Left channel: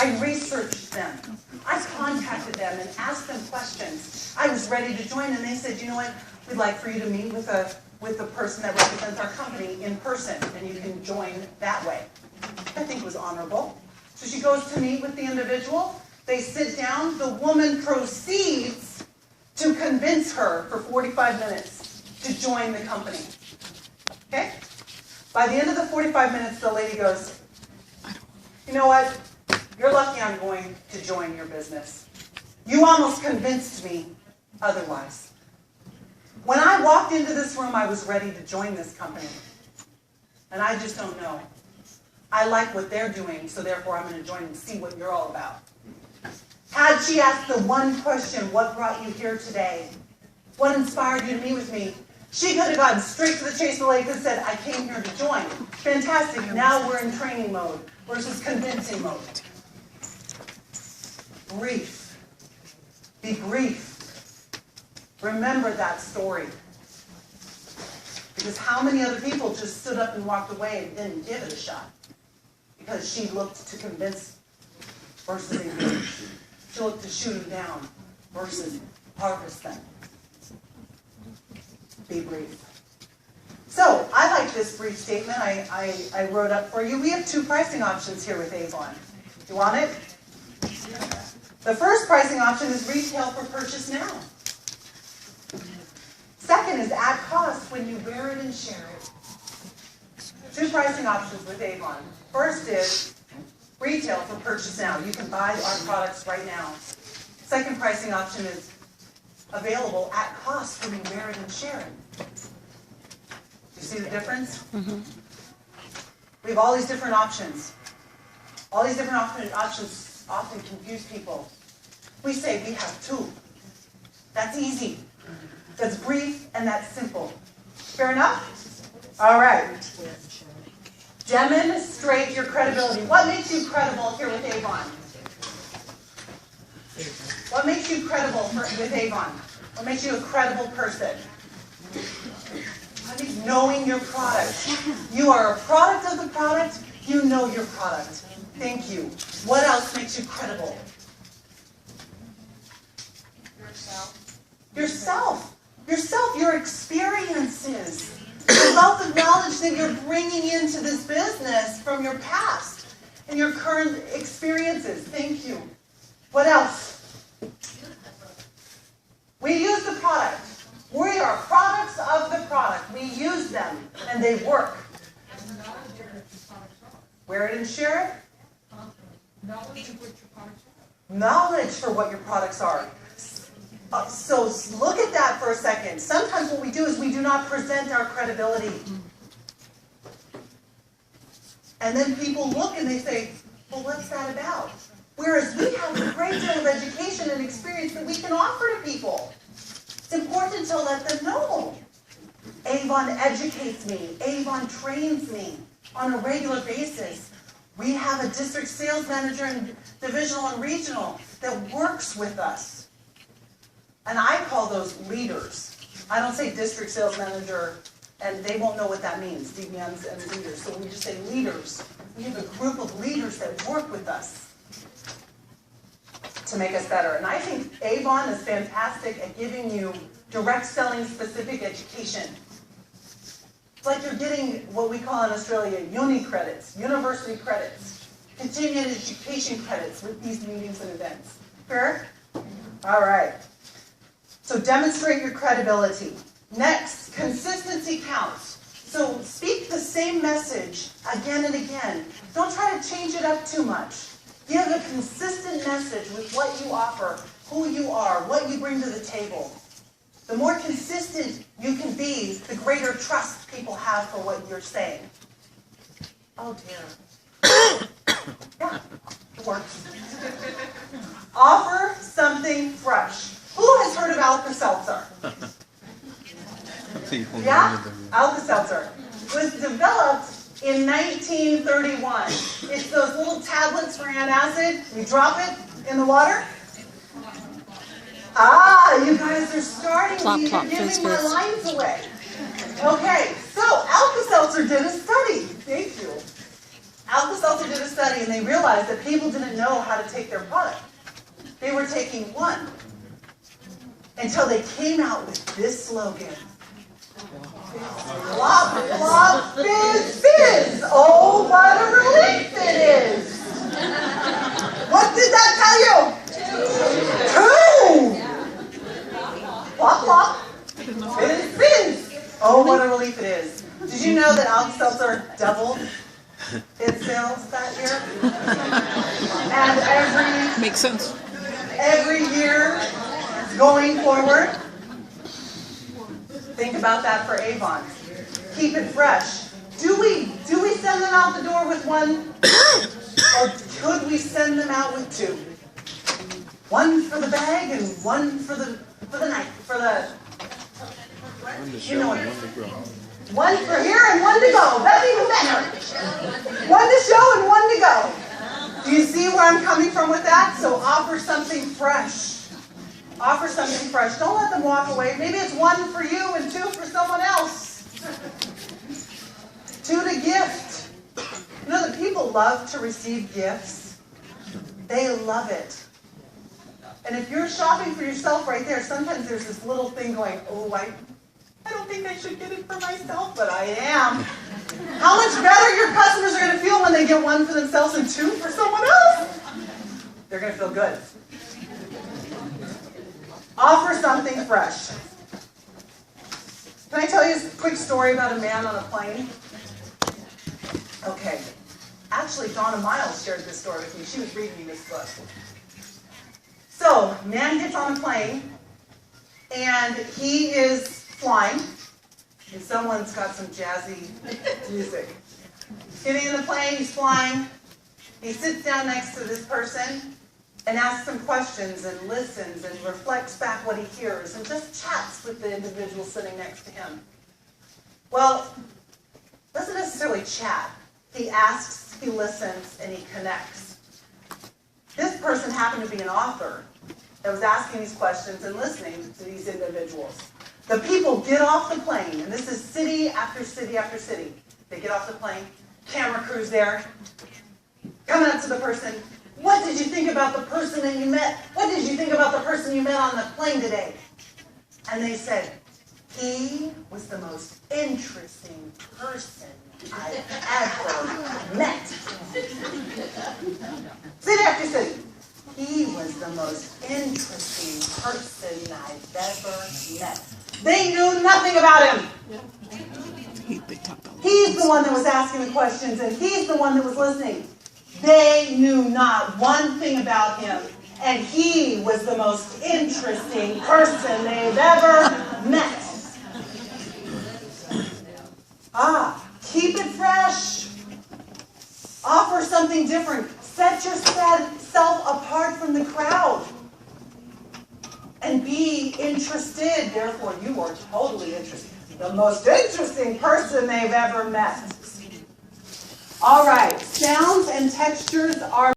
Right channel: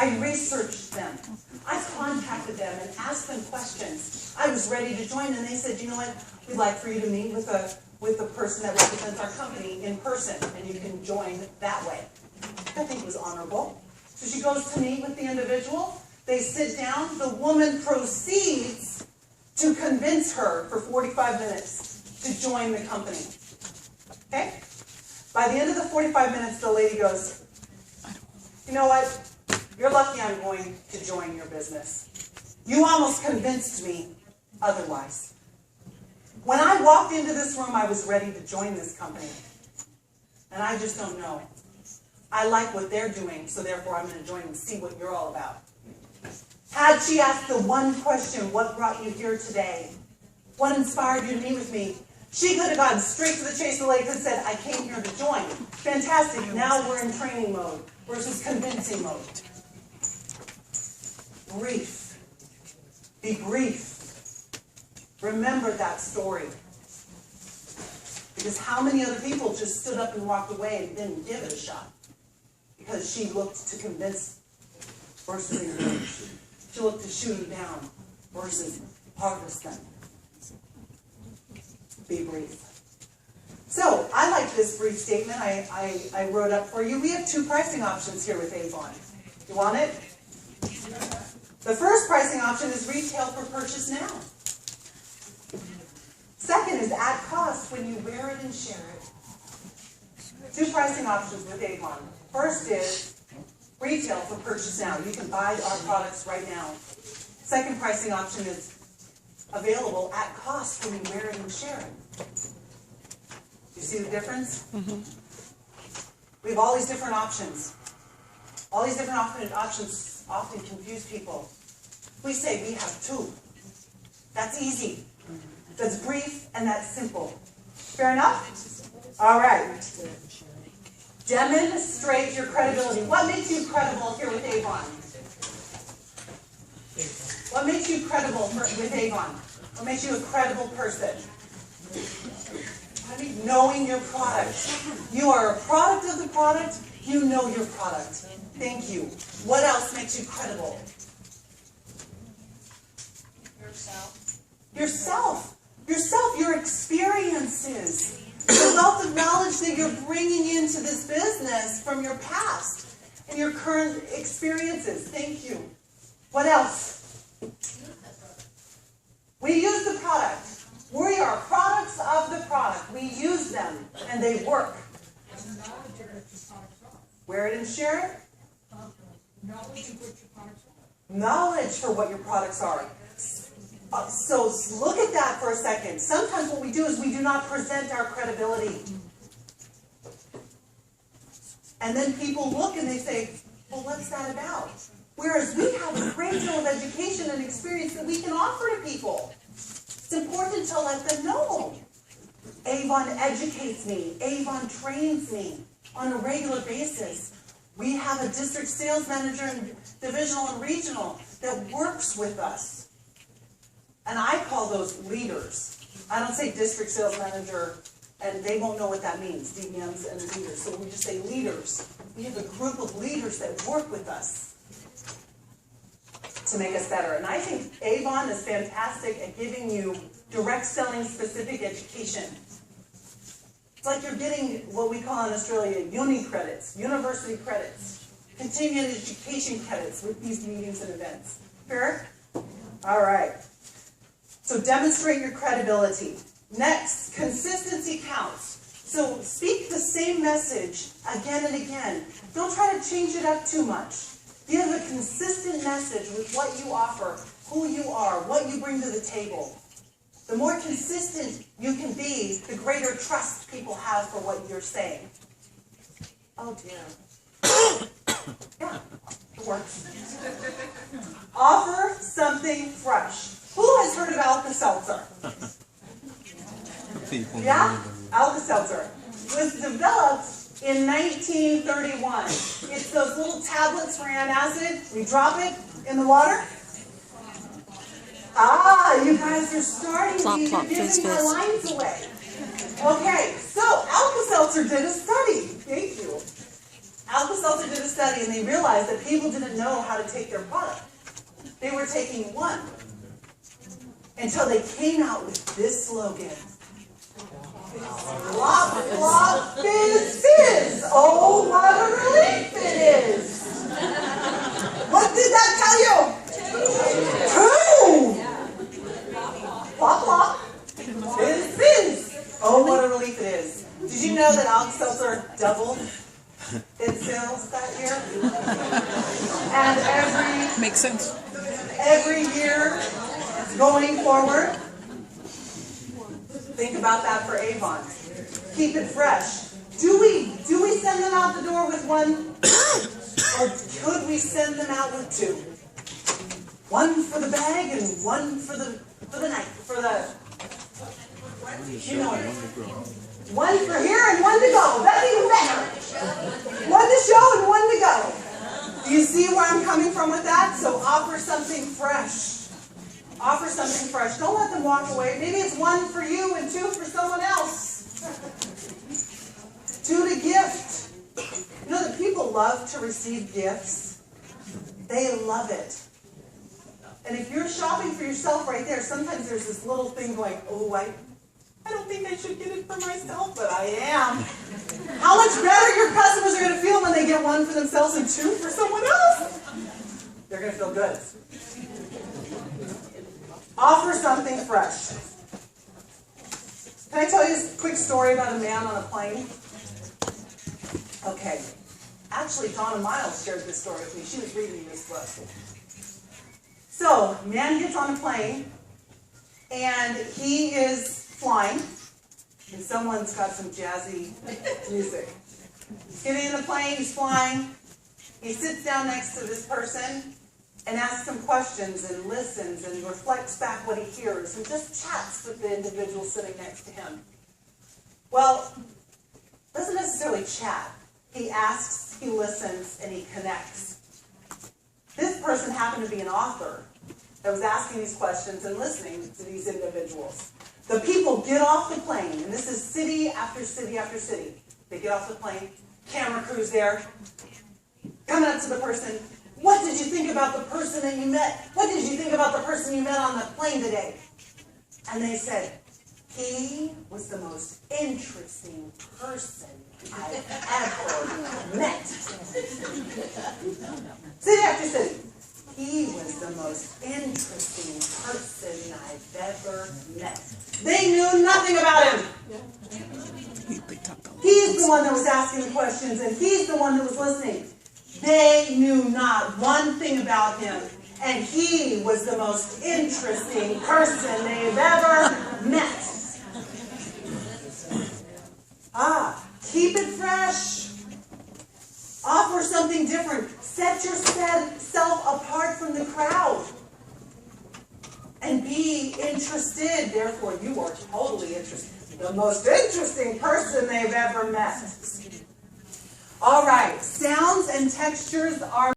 I researched them. I contacted them and asked them questions. I was ready to join, and they said, you know what, we'd like for you to meet with the person that represents our company in person, and you can join that way. I think it was honorable. So she goes to meet with the individual. They sit down. The woman proceeds to convince her for 45 minutes to join the company. Okay? By the end of the 45 minutes, the lady goes, you know what? You're lucky I'm going to join your business. You almost convinced me otherwise. When I walked into this room, I was ready to join this company. And I just don't know. I like what they're doing, so therefore I'm going to join and see what you're all about. Had she asked the one question, what brought you here today? What inspired you to meet with me? She could have gone straight to the chase. The lady could have said, I came here to join. Fantastic. Now we're in training mode versus convincing mode. Brief. Be brief. Remember that story. Because how many other people just stood up and walked away and didn't give it a shot? Because she looked to convince versus engage. She looked to shoot them down versus harvest them. Be brief. So, I like this brief statement I wrote up for you. We have two pricing options here with Avon. You want it? The first pricing option is retail for purchase now. Second is at cost when you wear it and share it. Two pricing options with Avon. First is retail for purchase now. You can buy our products right now. Second pricing option is available at cost when you wear it and share it. You see the difference? Mm-hmm. We have all these different options. All these different options often confuse people. We say we have two. That's easy. That's brief and that's simple. Fair enough? All right. Demonstrate your credibility. What makes you credible here with Avon? What makes you credible with Avon? What makes you a credible person? Knowing your product. You are a product of the product. You know your product. Thank you. What else makes you credible? Yourself. Your experiences. The wealth of knowledge that you're bringing into this business from your past and your current experiences. Thank you. What else? We use the product. We are products of the product. We use them, and they work. Wear it and share it. Knowledge for what your products are. So look at that for a second. Sometimes what we do is we do not present our credibility. And then people look and they say, well, what's that about? Whereas we have a great deal of education and experience that we can offer to people. It's important to let them know. Avon educates me. Avon trains me on a regular basis. We have a district sales manager and divisional and regional that works with us. And I call those leaders. I don't say district sales manager, and they won't know what that means, DMs and leaders. So we just say leaders. We have a group of leaders that work with us to make us better. And I think Avon is fantastic at giving you direct selling specific education. It's like you're getting what we call in Australia uni credits, university credits, continuing education credits with these meetings and events. Fair? All right. So demonstrate your credibility. Next, consistency counts. So speak the same message again and again. Don't try to change it up too much. Give a consistent message with what you offer, who you are, what you bring to the table. The more consistent you can be, the greater trust people have for what you're saying. Oh dear. Yeah, it works. Offer something fresh. Who has heard of Alka-Seltzer? Yeah, Alka-Seltzer was developed in 1931. It's those little tablets for antacid. You drop it in the water. Ah, you guys are starting. You're giving my lines away. Okay, so Alka-Seltzer did a study. Thank you. Alka-Seltzer did a study and they realized that people didn't know how to take their product. They were taking one until they came out with this slogan. Flop, flop, fizz, fizz. Oh, what a relief it is. What did that tell you? 2. Flop, flop, fizz, fizz. Oh, what a relief it is. Did you know that Alka-Seltzer doubled its sales that year? And makes sense. every year going forward, think about that for Avon. Keep it fresh. Do we send them out the door with one, or could we send them out with 2? One for the bag and one for the night, you know, one for here and one to go. That's even better. One to show and one to go. Do you see where I'm coming from with that? So offer something fresh. Offer something fresh. Don't let them walk away. Maybe it's 1 for you and 2 for someone else. 2 to gift. You know that people love to receive gifts. They love it. And if you're shopping for yourself right there, sometimes there's this little thing going, oh, I don't think I should get it for myself, but I am. How much better your customers are going to feel when they get 1 for themselves and 2 for someone else? They're going to feel good. Offer something fresh. Can I tell you a quick story about a man on a plane? Okay. Actually, Donna Miles shared this story with me. She was reading me this book. So, man gets on a plane, and he is flying, and someone's got some jazzy music. He's getting in the plane, he's flying, he sits down next to this person and asks some questions and listens and reflects back what he hears and just chats with the individual sitting next to him. Well, doesn't necessarily chat. He asks, he listens, and he connects. This person happened to be an author that was asking these questions and listening to these individuals. The people get off the plane, and this is city after city after city. They get off the plane, camera crew's there, coming up to the person, what did you think about the person that you met? What did you think about the person you met on the plane today? And they said, he was the most interesting person I've ever met. City after city. He was the most interesting person I've ever met. They knew nothing about him. He's the one that was asking the questions, and he's the one that was listening. They knew not one thing about him, and he was the most interesting person they've ever met. Keep it fresh. Offer something different. Set yourself apart from the crowd. And be interested. Therefore, you are totally interested. The most interesting person they've ever met. All right. Sounds and textures are